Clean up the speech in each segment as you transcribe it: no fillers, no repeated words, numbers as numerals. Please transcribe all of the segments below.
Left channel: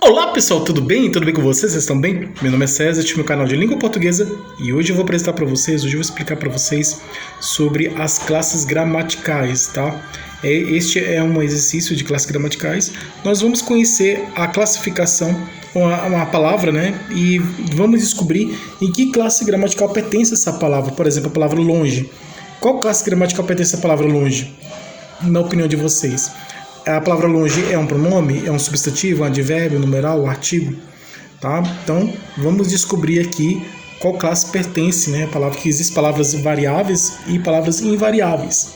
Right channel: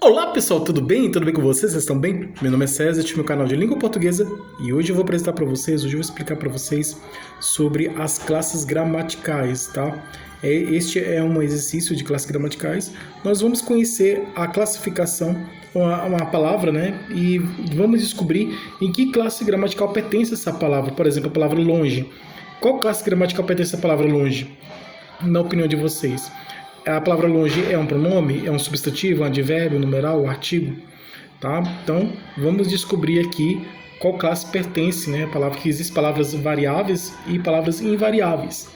Olá pessoal, tudo bem? Tudo bem com vocês? Vocês estão bem? Meu nome é César, este é meu canal de língua portuguesa e hoje eu vou apresentar para vocês, hoje eu vou explicar para vocês sobre as classes gramaticais, tá? Este é um exercício de classes gramaticais. Nós vamos conhecer a classificação, uma palavra, né? E vamos descobrir em que classe gramatical pertence essa palavra. Por exemplo, a palavra longe. Qual classe gramatical pertence a palavra longe? Na opinião de vocês? A palavra longe é um pronome, é um substantivo, um advérbio, um numeral, um artigo, tá? Então, vamos descobrir aqui qual classe pertence, né? Palavra que existem palavras variáveis e palavras invariáveis.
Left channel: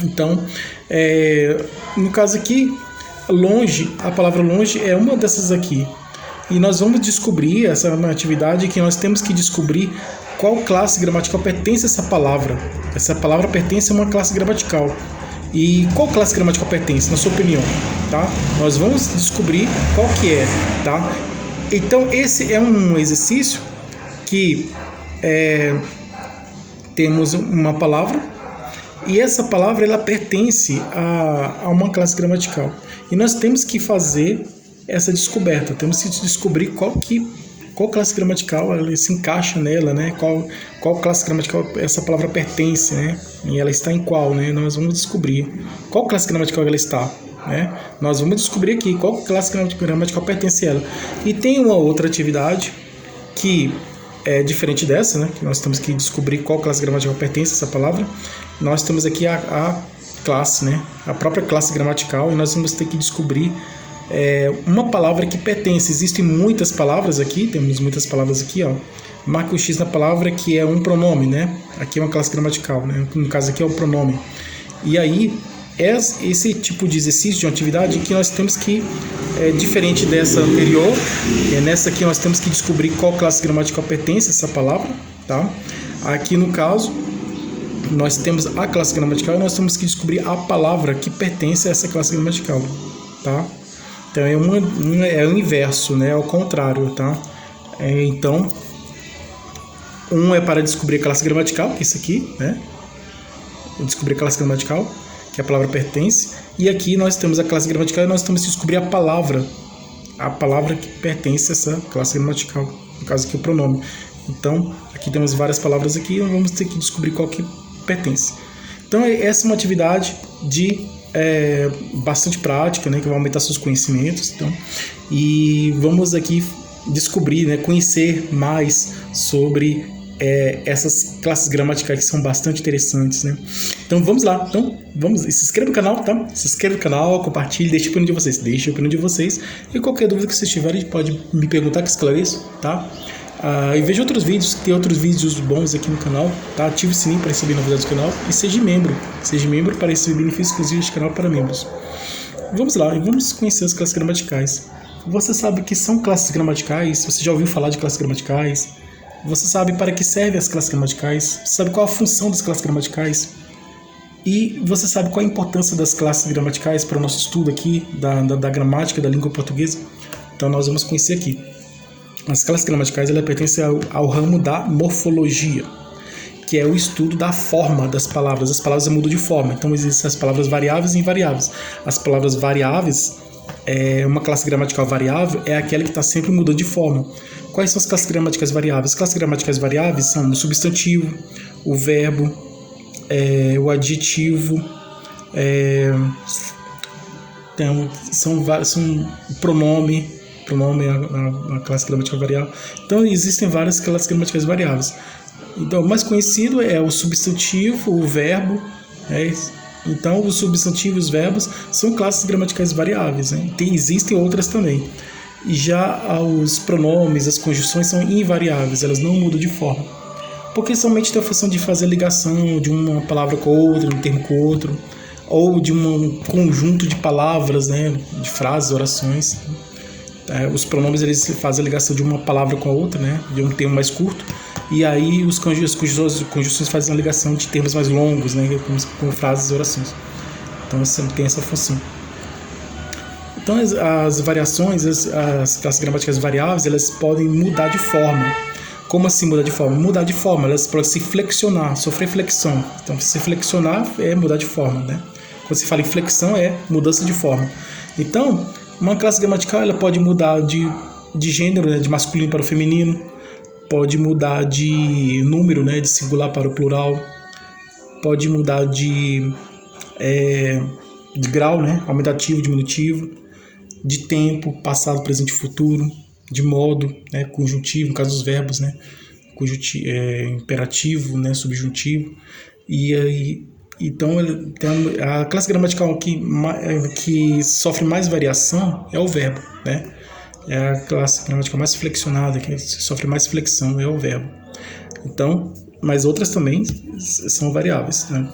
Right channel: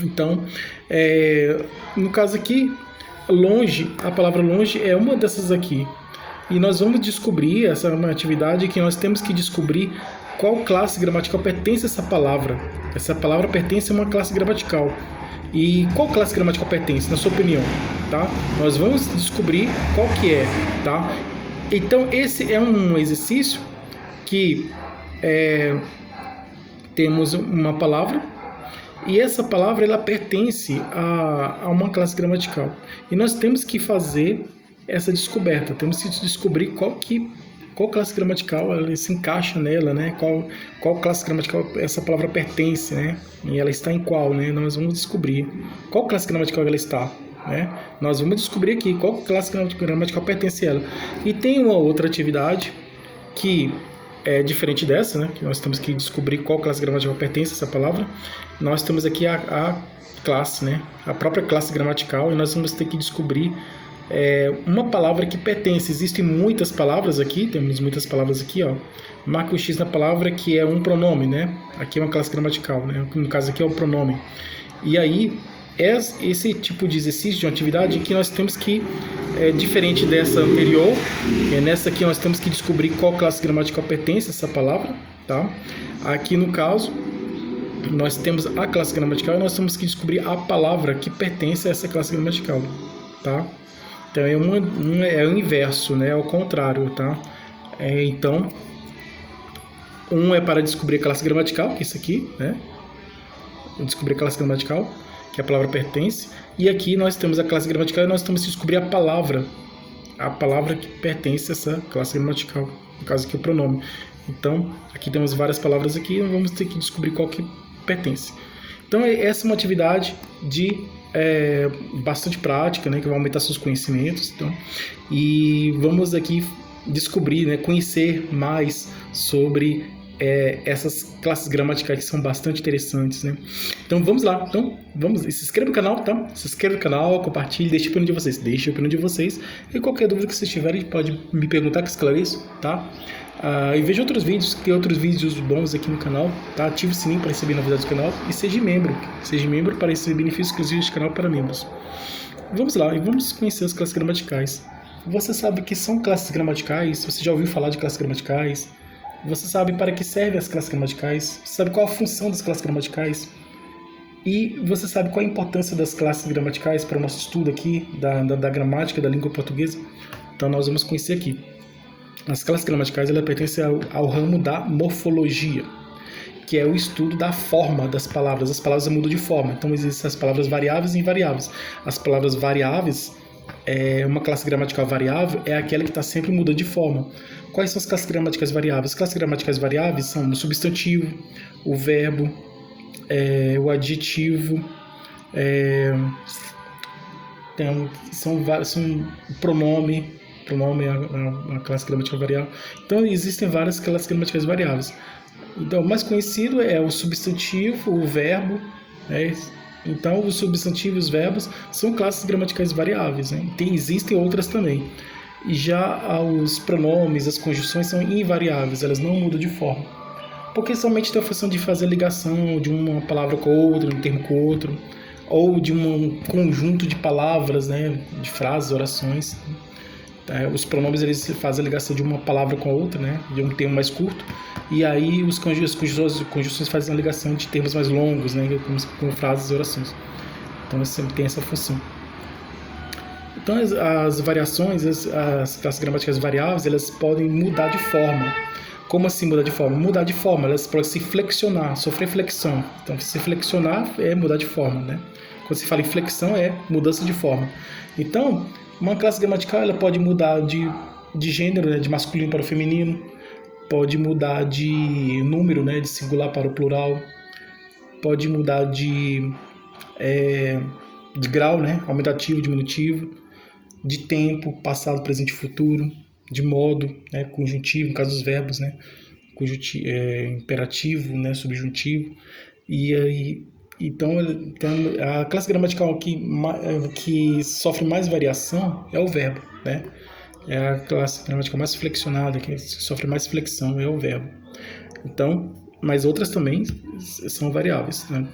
Então, no caso aqui, longe, a palavra longe é uma dessas aqui. E nós vamos descobrir, essa é uma atividade que nós temos que descobrir qual classe gramatical pertence a essa palavra. Essa palavra pertence a uma classe gramatical. E qual classe gramatical pertence, na sua opinião, tá? Nós vamos descobrir qual que é, tá? Então, esse é um exercício que temos uma palavra e essa palavra ela pertence a uma classe gramatical. E nós temos que fazer essa descoberta, temos que descobrir qual classe gramatical ela se encaixa nela, né? Qual classe gramatical essa palavra pertence, né? E ela está em qual, né? Nós vamos descobrir qual classe gramatical ela está, né? Nós vamos descobrir aqui qual classe gramatical pertence a ela. E tem uma outra atividade que é diferente dessa, né? Que nós temos que descobrir qual classe gramatical pertence a essa palavra. Nós temos aqui a classe, né? A própria classe gramatical e nós vamos ter que descobrir uma palavra que pertence. Existem muitas palavras aqui, temos muitas palavras aqui, ó. Marca o X na palavra que é um pronome, né? Aqui é uma classe gramatical, né? No caso aqui é um pronome. E aí, esse tipo de exercício, de uma atividade que nós temos que, diferente dessa anterior, nessa aqui nós temos que descobrir qual classe gramatical pertence a essa palavra, tá? Aqui no caso, nós temos a classe gramatical e nós temos que descobrir a palavra que pertence a essa classe gramatical, tá? Então é o inverso, né? Ao contrário, tá? Então, um é para descobrir a classe gramatical, que é isso aqui, né? Descobrir a classe gramatical, que a palavra pertence. E aqui nós temos a classe gramatical e nós temos que descobrir a palavra que pertence a essa classe gramatical. No caso aqui o pronome. Então, aqui temos várias palavras aqui e nós vamos ter que descobrir qual que pertence. Então, essa é uma atividade de bastante prática, né, que vai aumentar seus conhecimentos, então, e vamos aqui descobrir, né, conhecer mais sobre essas classes gramaticais que são bastante interessantes, né? Então vamos lá, se inscreva no canal, tá? Se inscreva no canal, compartilhe, deixe a opinião de vocês, e qualquer dúvida que vocês tiverem pode me perguntar que eu esclareço, tá? E veja outros vídeos, tem outros vídeos bons aqui no canal, tá? Ative o sininho para receber novidades do canal e seja membro para receber benefícios exclusivos do canal para membros. Vamos lá, e vamos conhecer as classes gramaticais. Você sabe o que são classes gramaticais? Você já ouviu falar de classes gramaticais? Você sabe para que servem as classes gramaticais? Você sabe qual a função das classes gramaticais? E você sabe qual a importância das classes gramaticais para o nosso estudo aqui da gramática da língua portuguesa? Então nós vamos conhecer aqui. As classes gramaticais ela pertencem ao ramo da morfologia, que é o estudo da forma das palavras. As palavras mudam de forma, então existem as palavras variáveis e invariáveis. As palavras variáveis, uma classe gramatical variável é aquela que está sempre mudando de forma. Quais são as classes gramaticais variáveis? As classes gramaticais variáveis são o substantivo, o verbo, o adjetivo, então, são o pronome é uma classe gramatical variável. Então, existem várias classes gramaticais variáveis. Então, o mais conhecido é o substantivo, o verbo. Então, os substantivos e os verbos são classes gramaticais variáveis, né? Existem outras também. E já os pronomes, as conjunções são invariáveis, elas não mudam de forma. Porque somente tem a função de fazer ligação de uma palavra com outra, um termo com outro, ou de um conjunto de palavras, né? De frases, orações. Os pronomes eles fazem a ligação de uma palavra com a outra, né? De um termo mais curto, e aí as conjunções fazem a ligação de termos mais longos, né? Com frases e orações. Então tem essa função. Então as variações, as classes gramaticais variáveis, elas podem mudar de forma. Como assim mudar de forma? Mudar de forma, elas podem se flexionar, sofrer flexão. Então se flexionar é mudar de forma, né? Quando se fala em flexão é mudança de forma. Então Uma classe gramatical ela pode mudar de gênero, né, de masculino para o feminino, pode mudar de número, né, de singular para o plural, pode mudar de grau, né, aumentativo, diminutivo, de tempo, passado, presente e futuro, de modo, né, conjuntivo, no caso dos verbos, né, imperativo, né, subjuntivo. E aí, então, a classe gramatical que sofre mais variação é o verbo, né? É a classe gramatical mais flexionada, que sofre mais flexão, é o verbo. Então, mas outras também são variáveis, né?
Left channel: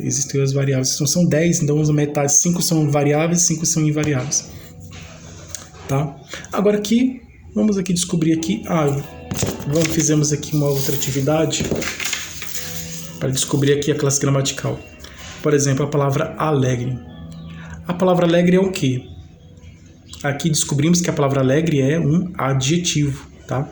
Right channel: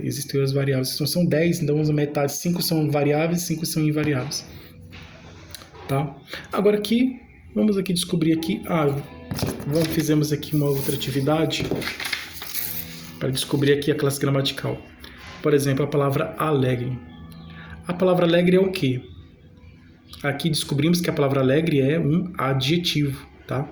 Existem as variáveis, são 10, então metade, 5 são variáveis, 5 são invariáveis. Tá? Agora aqui, vamos aqui descobrir aqui, fizemos aqui uma outra atividade para descobrir aqui a classe gramatical. Por exemplo, a palavra alegre. A palavra alegre é o quê? Aqui descobrimos que a palavra alegre é um adjetivo, tá?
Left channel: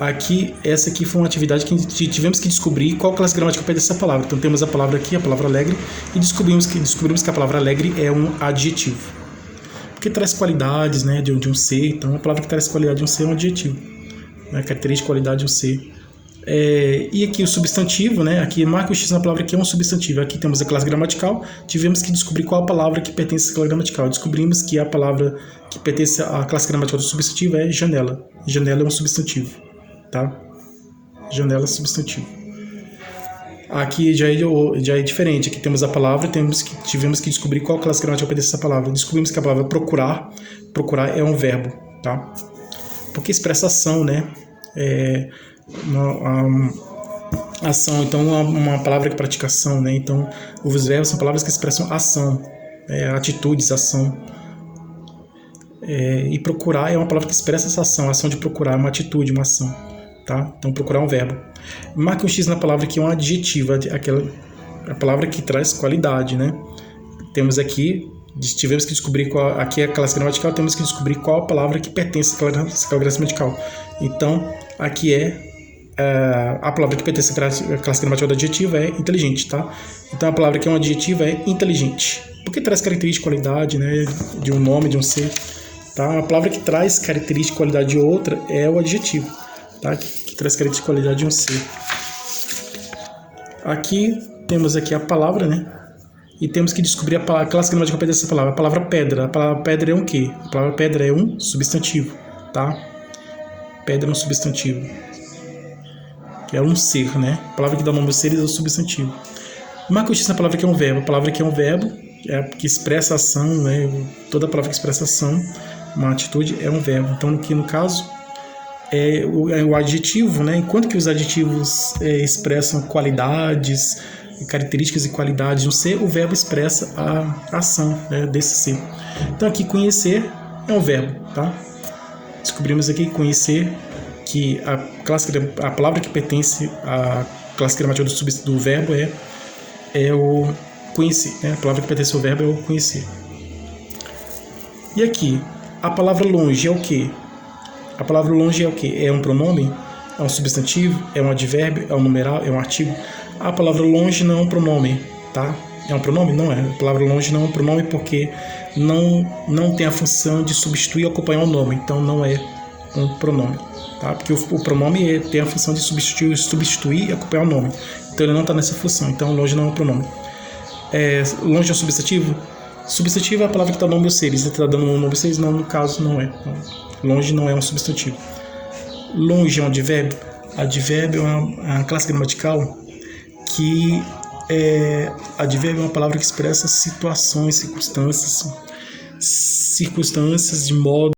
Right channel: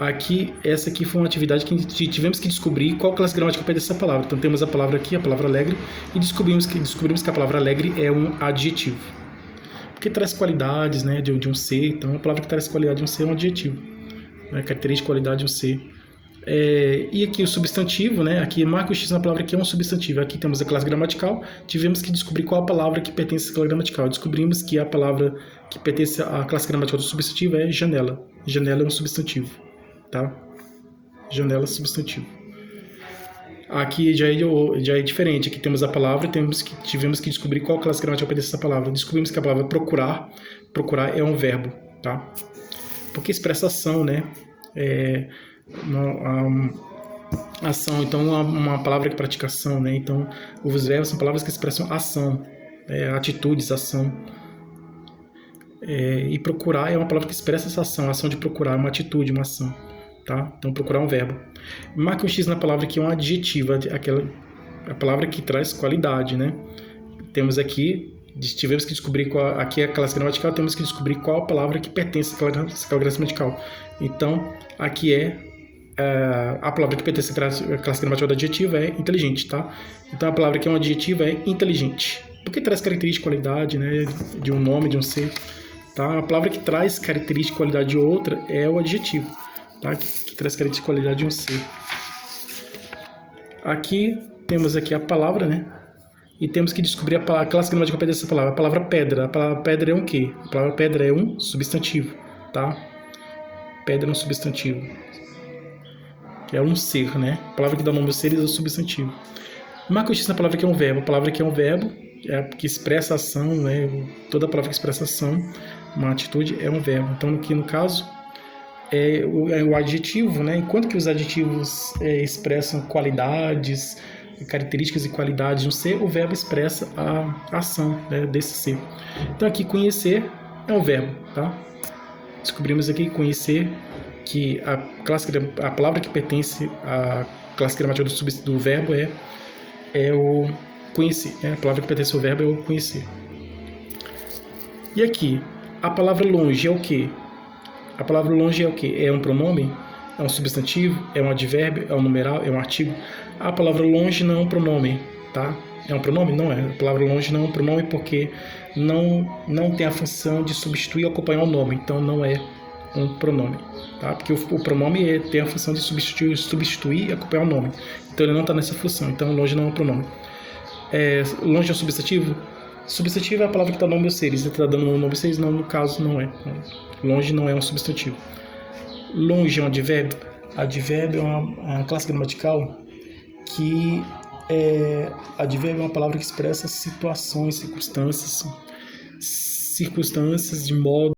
Aqui, essa aqui foi uma atividade que tivemos que descobrir qual classe gramatical pertence essa palavra. Então temos a palavra aqui, a palavra alegre, e descobrimos que a palavra alegre é um adjetivo. Porque traz qualidades, né, de um ser, então a palavra que traz qualidade de um ser é um adjetivo. Né, característica, qualidade de um ser. E aqui o substantivo, né? Aqui marca o X na palavra que é um substantivo. Aqui temos a classe gramatical. Tivemos que descobrir qual a palavra que pertence à classe gramatical. Descobrimos que a palavra que pertence à classe gramatical do substantivo é janela. Janela é um substantivo, tá? Janela é substantivo. Aqui já é diferente. Aqui temos a palavra, tivemos que descobrir qual classe gramatical pertence a essa palavra. Descobrimos que a palavra procurar é um verbo, tá? Porque expressa ação, né? Ação, então uma palavra que pratica ação, né? Então os verbos são palavras que expressam ação, atitudes, ação. E procurar é uma palavra que expressa essa ação, a ação de procurar, uma atitude, uma ação, tá? Então procurar é um verbo. Marca um X na palavra que é um adjetivo, a palavra que traz qualidade, né? Temos aqui, tivemos que descobrir aqui é a classe gramatical, temos que descobrir qual a palavra que pertence à classe gramatical. Então aqui a palavra que pertence à classe gramatical do adjetivo é inteligente, tá? Então a palavra que é um adjetivo é inteligente, porque traz característica, qualidade, né, de um nome, de um ser, tá? A palavra que traz característica, qualidade de outra é o adjetivo, tá? Que traz característica, qualidade de um ser. Aqui temos aqui a palavra, né? E temos que descobrir a classe gramatical que pertence a essa palavra. A palavra pedra. A palavra pedra é um quê? A palavra pedra é um substantivo, tá? Pedra é um substantivo. É um ser, né? A palavra que dá nome aos seres é o substantivo. Marca o X na palavra que é um verbo. A palavra que é um verbo, que expressa ação, né? Toda palavra que expressa ação, uma atitude, é um verbo. Então, aqui no caso, é o adjetivo, né? Enquanto que os adjetivos expressam qualidades, características e qualidades de um ser, o verbo expressa a ação, né, desse ser. Então, aqui, conhecer é um verbo, tá? Descobrimos aqui conhecer que a palavra que pertence à classe gramatical do verbo é o conhecer, né? A palavra que pertence ao verbo é o conhecer. E aqui, a palavra longe é o quê? A palavra longe é o quê? É um pronome? É um substantivo? É um advérbio? É um numeral? É um artigo? A palavra longe não é um pronome, tá? É um pronome? Não é. A palavra longe não é um pronome porque não tem a função de substituir ou acompanhar o nome. Então, não é um pronome, tá? Porque o pronome tem a função de substituir e acompanhar o nome. Então, ele não está nessa função. Então, longe não é um pronome. Longe é um substantivo? Substantivo é a palavra que está no nome dos seres. Você está dando um nome dos seres? Não, no caso, não é. Longe não é um substantivo. Longe é um advérbio? Advérbio é uma classe gramatical que advérbio é uma palavra que expressa situações, circunstâncias de modo